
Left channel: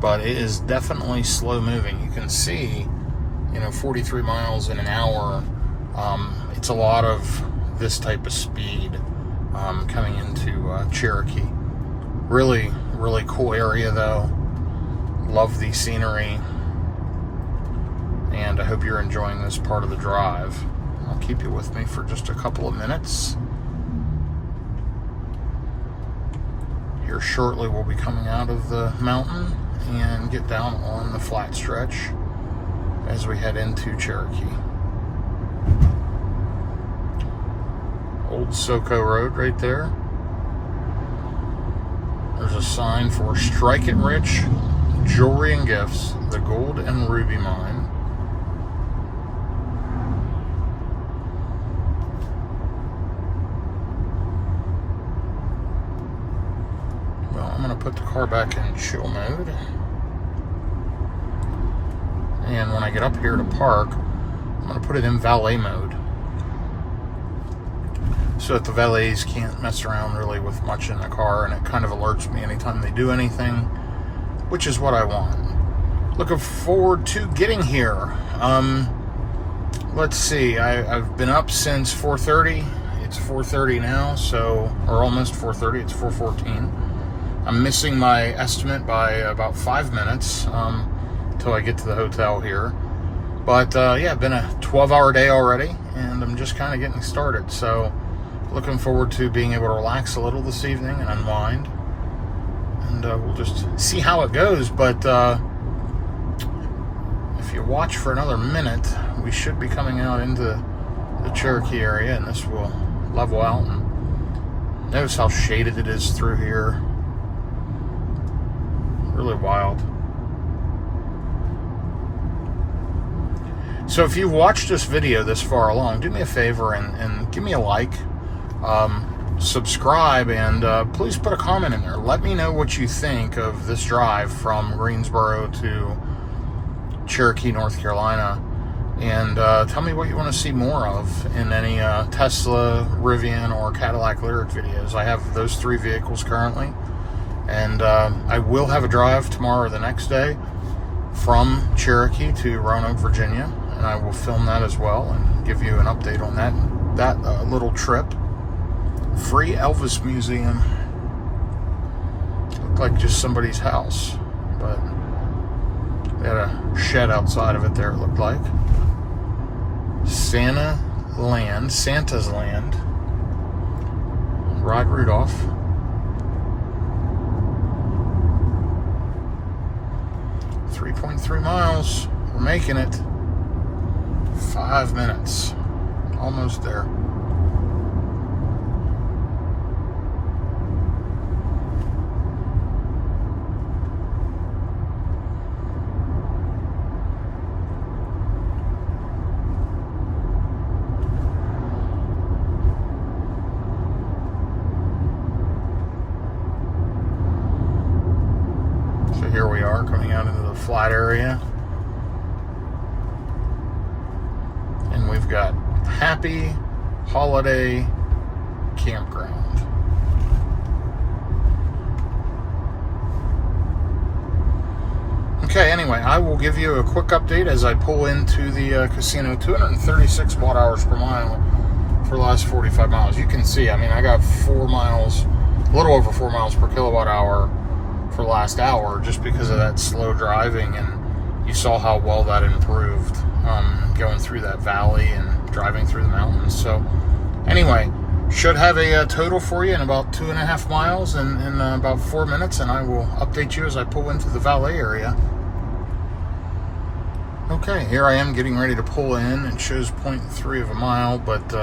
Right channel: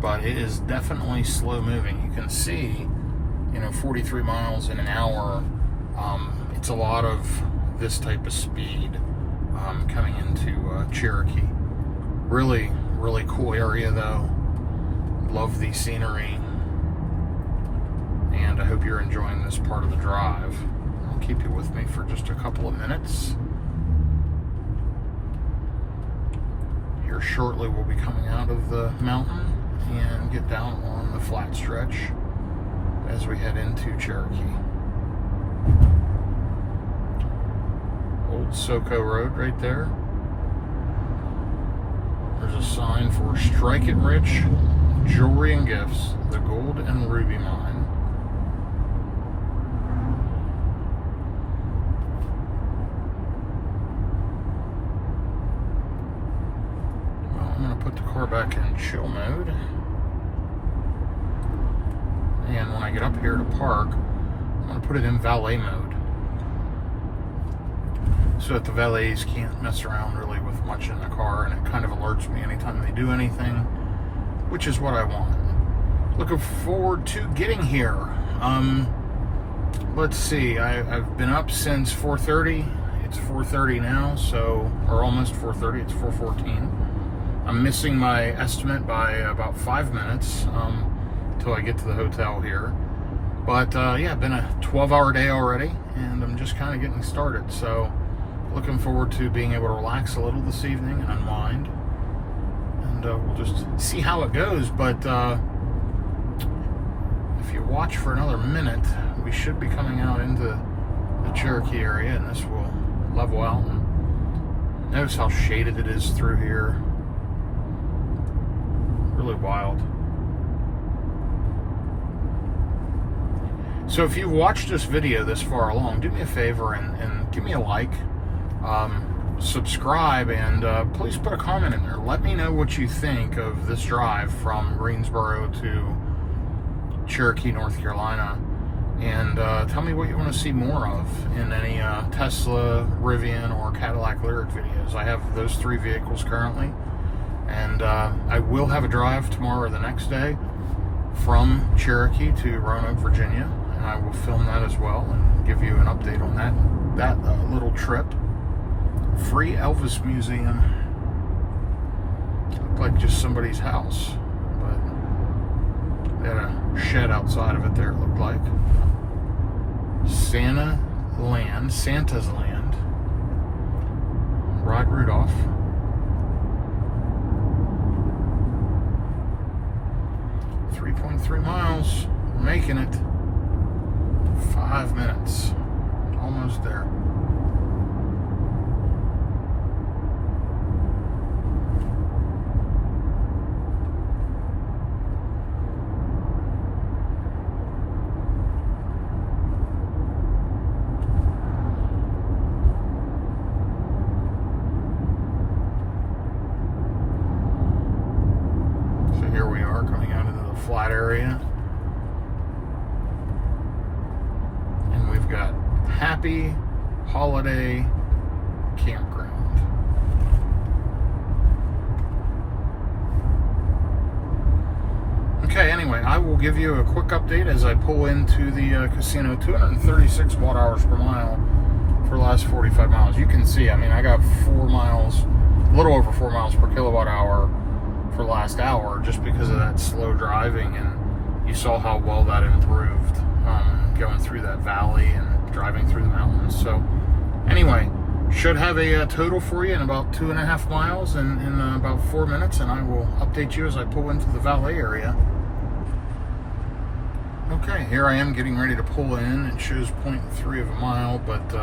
But it is definitely slow moving. You can see, 43 miles in an hour. It's a lot of this type of speed coming into Cherokee. Really, really cool area though. Love the scenery. And I hope you're enjoying this part of the drive. I'll keep you with me for just a couple of minutes. Here shortly we'll be coming out of the mountain and get down on the flat stretch as we head into Cherokee. Old Soco Road right there. There's a sign for Strike It Rich Jewelry and Gifts, the Gold and Ruby Mine. Put the car back in chill mode, and when I get up here to park, I'm going to put it in valet mode so that the valets can't mess around really with much in the car, and it kind of alerts me anytime they do anything, which is what I want. Looking forward to getting here. Let's see, I've been up since 4:30. It's 4:30 now, or almost 4:30. It's 4:14. I'm missing my estimate by about 5 minutes until I get to the hotel here. But yeah, been a 12-hour day already, and I'm just kind of getting started. So looking forward to being able to relax a little this evening and unwind. And we'll just see how it goes. But if you watch for another minute, we should be coming out into the Cherokee area, and this will level out. And notice how shaded it is through here. Really wild. So if you've watched this video this far along, do me a favor and give me a like, subscribe, and please put a comment in there. Let me know what you think of this drive from Greensboro to Cherokee, North Carolina, and tell me what you want to see more of in any Tesla, Rivian, or Cadillac Lyriq videos. I have those 3 vehicles currently, and I will have a drive tomorrow or the next day from Cherokee to Roanoke, Virginia, and I will film that as well and give you an update on that little trip. Free Elvis Museum. Looked like just somebody's house, but they had a shed outside of it there, it looked like. Santa's Land. Rod Rudolph. .3 miles. We're making it. 5 minutes. Almost there. So here we are coming out into the flat area. And we've got Happy Holiday Campground. Okay, anyway, I will give you a quick update as I pull into the casino. 236 watt hours per mile for the last 45 miles. You can see, I mean, I got 4 miles, a little over 4 miles per kilowatt hour for the last hour just because of that slow driving, and you saw how well that improved going through that valley and driving through the mountains. So anyway, should have a total for you in about 2.5 miles in about 4 minutes, and I will update you as I pull into the valet area. Okay, here I am getting ready to pull in. It shows 0.3 of a mile, but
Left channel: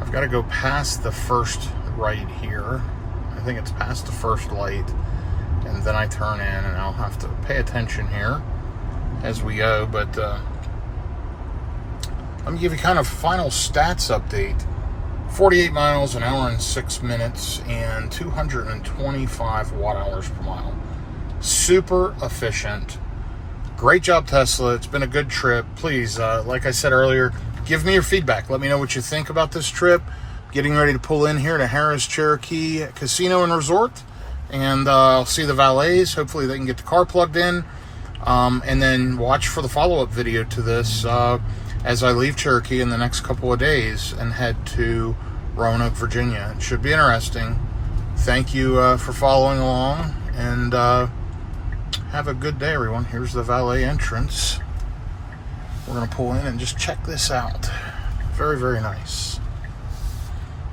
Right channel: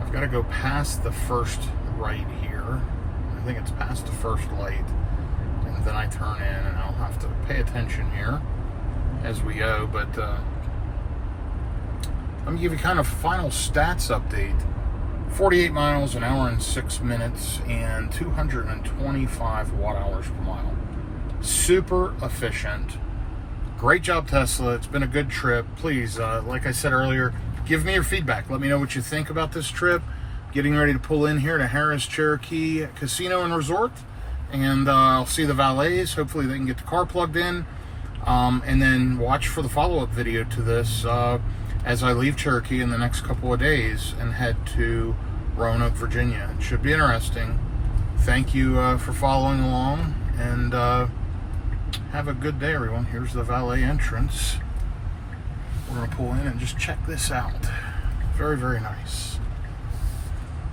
I've got to go past the first right here. I think it's past the first light, and then I turn in, and I'll have to pay attention here as we go. But let me give you kind of final stats update. 48 miles, an hour and 6 minutes, and 225 watt hours per mile. Super efficient. Great job, Tesla. It's been a good trip. Please, like I said earlier, give me your feedback. Let me know what you think about this trip. Getting ready to pull in here to Harrah's Cherokee Casino and Resort, and I'll see the valets. Hopefully they can get the car plugged in, and then watch for the follow-up video to this as I leave Cherokee in the next couple of days and head to Roanoke, Virginia. It should be interesting. Thank you for following along, and have a good day, everyone. Here's the valet entrance. We're going to pull in and just check this out. Very, very nice.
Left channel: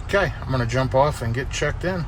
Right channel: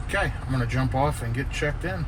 Okay, I'm going to jump off and get checked in.